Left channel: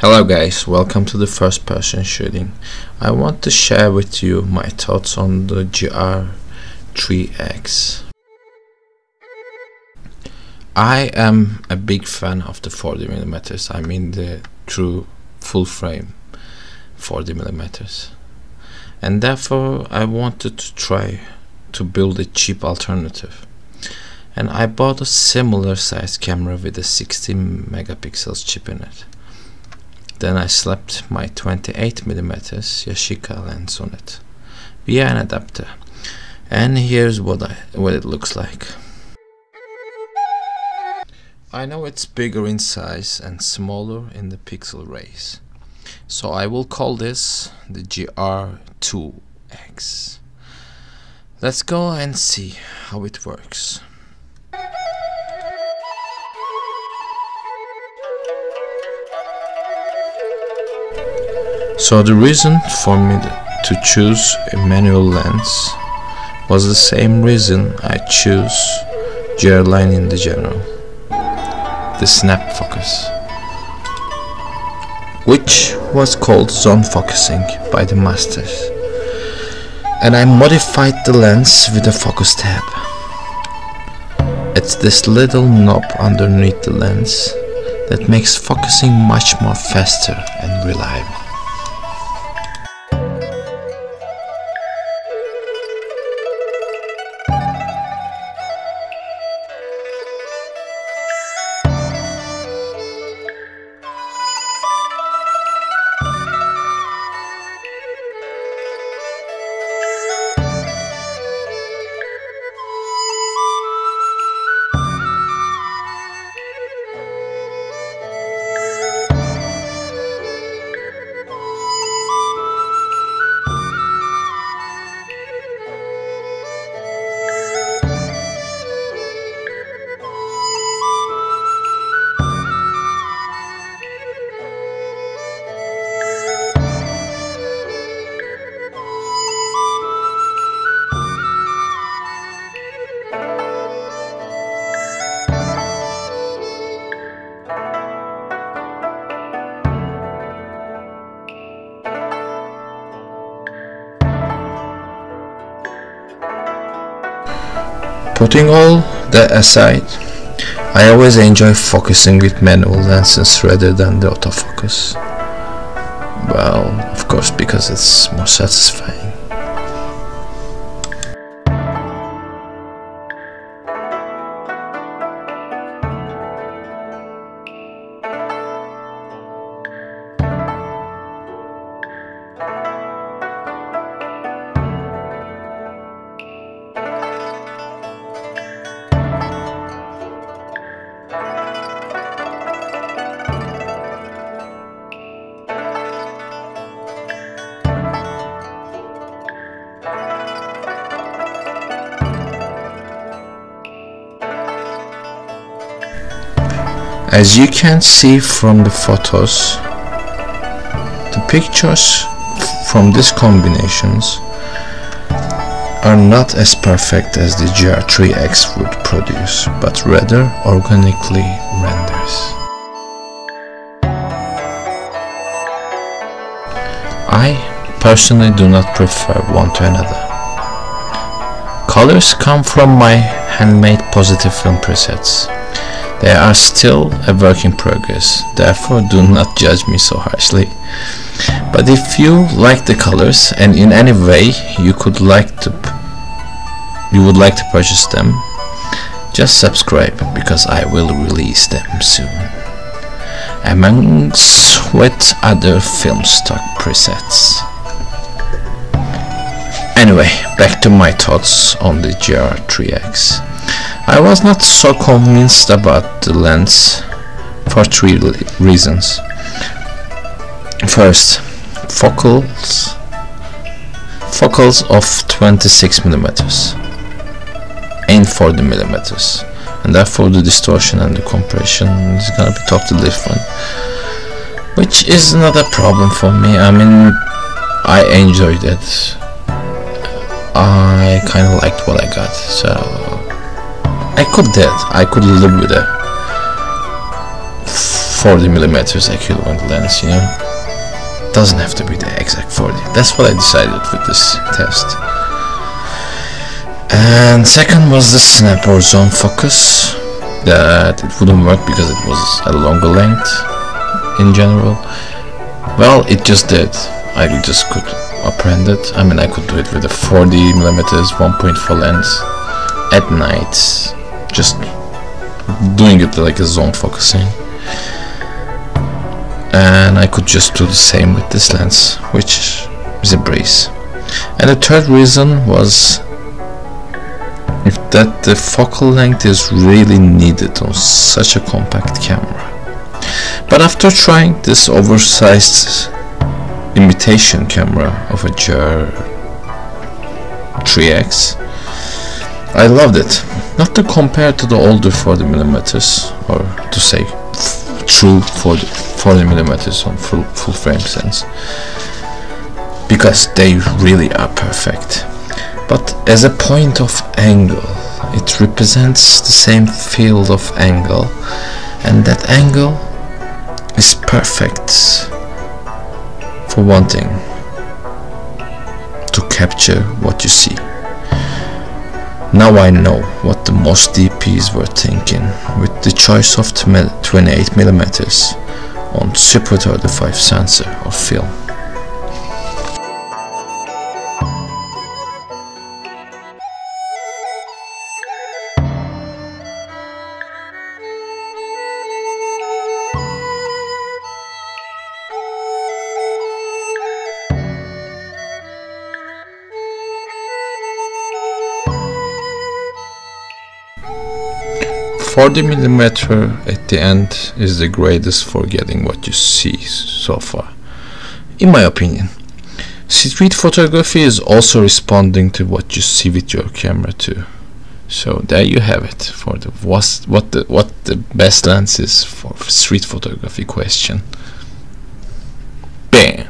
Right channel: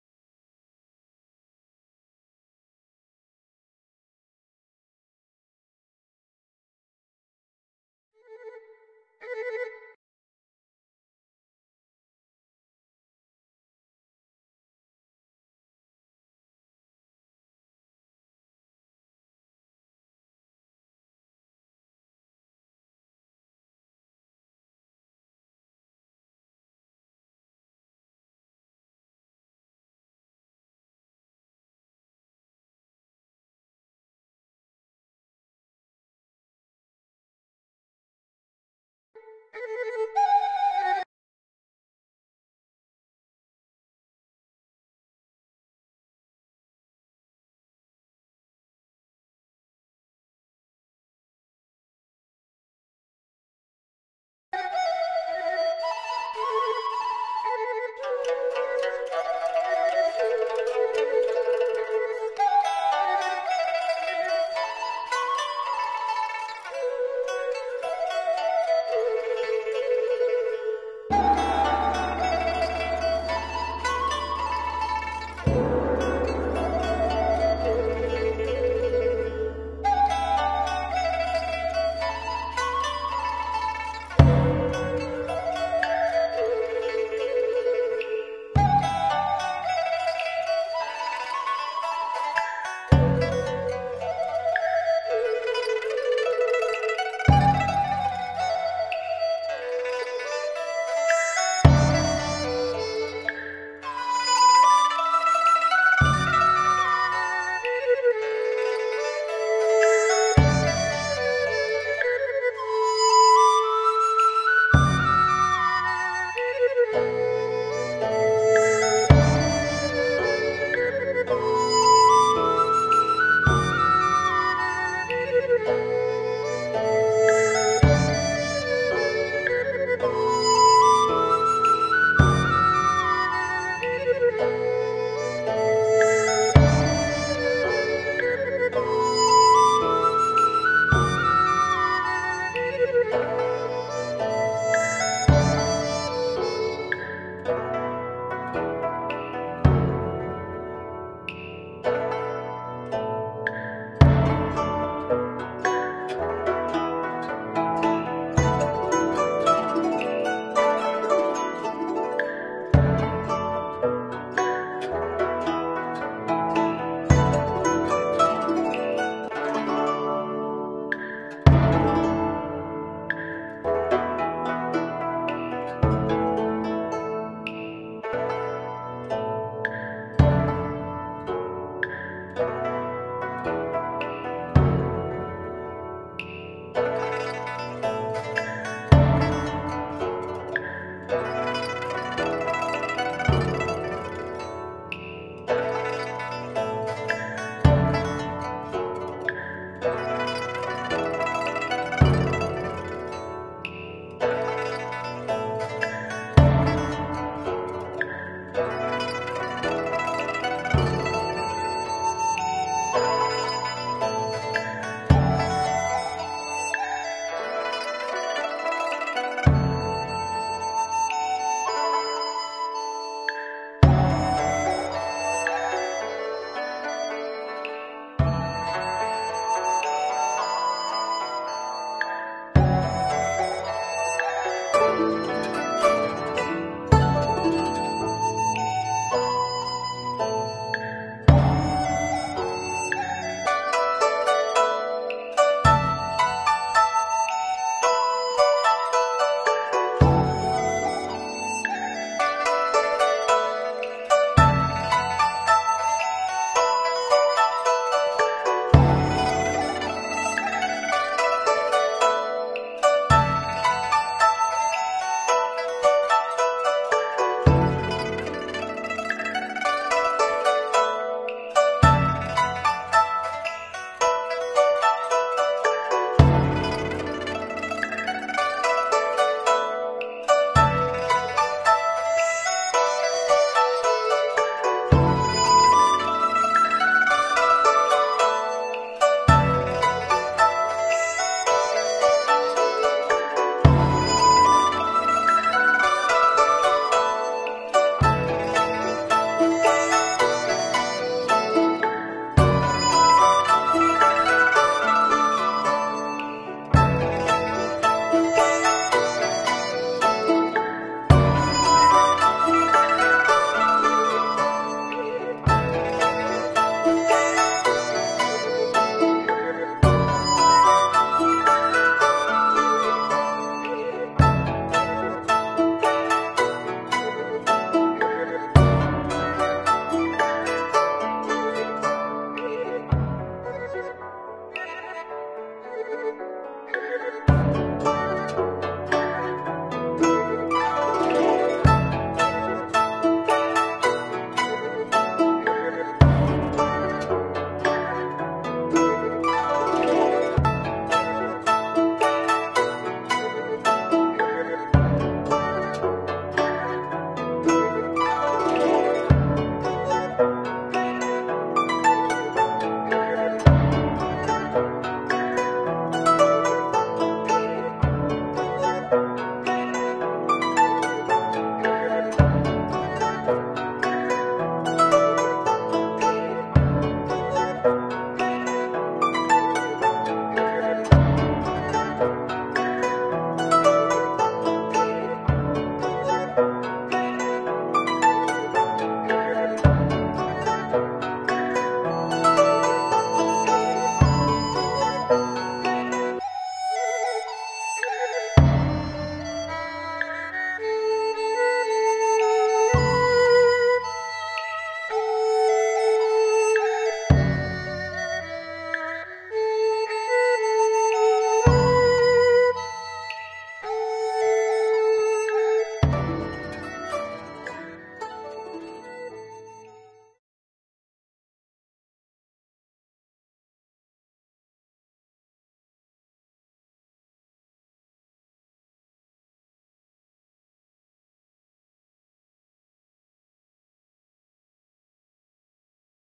Hello guys, welcome to the first person shooting. I want to share with you my thoughts on the Gr2x. I am a big fan of the 40mm, I mean the true full frame 40mm, and therefore I wanted to try to build a cheap alternative, and I bought a similar size camera with a 16 megapixels chip in it. Then I slapped my 28mm Yashica lens on it via an adapter, and here's what it looks like. I know it's bigger in size and smaller in the pixel rays, so I will call this the Gr2x. Let's go and see how it works. So the reason for me to choose a manual lens was the same reason I choose Gr line in the general, the snap focus, which was called zone focusing by the masters, and I modified the lens with a focus tab. It's this little knob underneath the lens that makes focusing much more faster and reliable. Putting all that aside, I always enjoy focusing with manual lenses rather than the autofocus. Well, of course, because it's more satisfying. As you can see from the photos, the pictures from these combinations are not as perfect as the Gr3x would produce, but rather organically renders. I personally do not prefer one to another. Colors come from my handmade positive film presets. They are still a work in progress, therefore do not judge me so harshly. But if you like the colors and in any way you would like to purchase them, just subscribe, because I will release them soon, amongst with other film stock presets. Anyway, back to my thoughts on the Gr3x. I was not so convinced about the lens for three reasons. First, focals of 26mm and 40mm, and therefore the distortion and the compression is gonna be totally different, which is not a problem for me. I mean, I enjoyed it. I kind of liked what I got, so I could live with it. 40mm equivalent lens, you know. Doesn't have to be the exact 40. That's what I decided with this test. And second was the snap or zone focus, that it wouldn't work because it was a longer length in general. Well, it just did. I just could apprehend it. I mean, I could do it with a 40mm 1.4 lens at night, just doing it like a zone focusing. And I could just do the same with this lens, which is a breeze. And the third reason was that the focal length is really needed on such a compact camera. But after trying this oversized imitation camera of a Gr2x, I loved it. Not to compare to the older 40mm, or to say true 40mm on full frame sense, because they really are perfect. But as a point of angle, it represents the same field of angle, and that angle is perfect for one thing: to capture what you see. Now I know what the most DPs were thinking with the choice of 28mm on Super 35 sensor or film. $40mm at the end is the greatest for getting what you see so far, in my opinion. Street photography is also responding to what you see with your camera too. So there you have it for the what the best lens is for street photography question. Bam!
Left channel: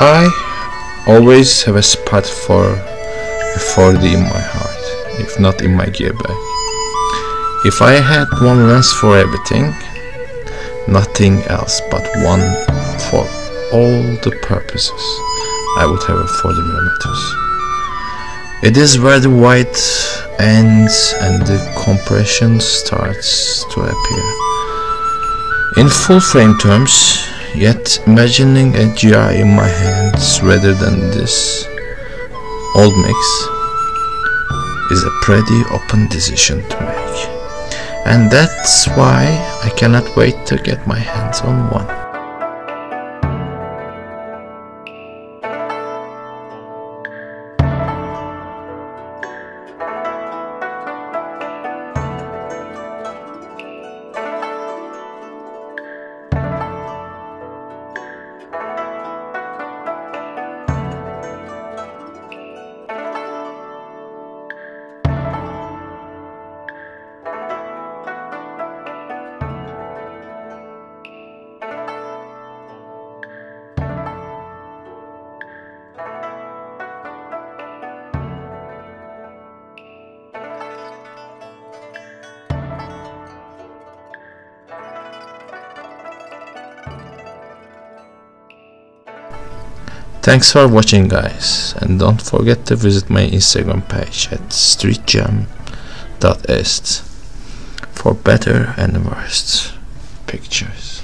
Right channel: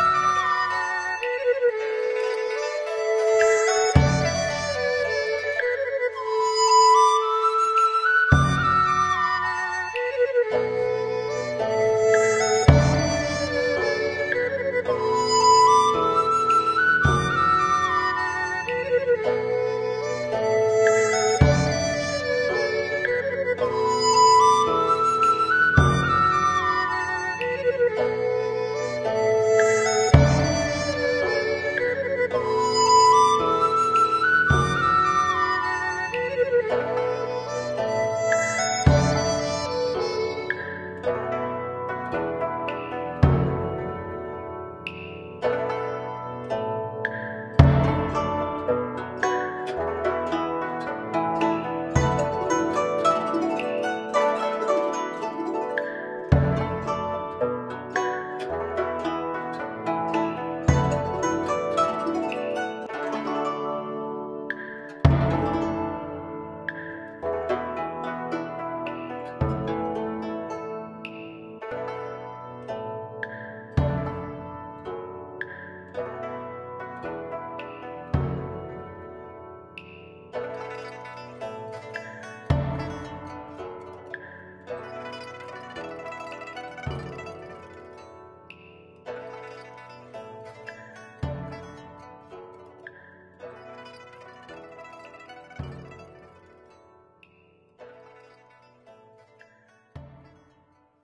I always have a spot for a 4D in my heart, if not in my gear bag. If I had one lens for everything, nothing else but one for all the purposes, I would have a 40mm. It is where the white ends and the compression starts to appear. In full frame terms, yet imagining a GR in my hands rather than this old mix is a pretty open decision to make, and that's why I cannot wait to get my hands on one. Thanks for watching, guys, and don't forget to visit my Instagram page at streetjam.est for for better and worst pictures.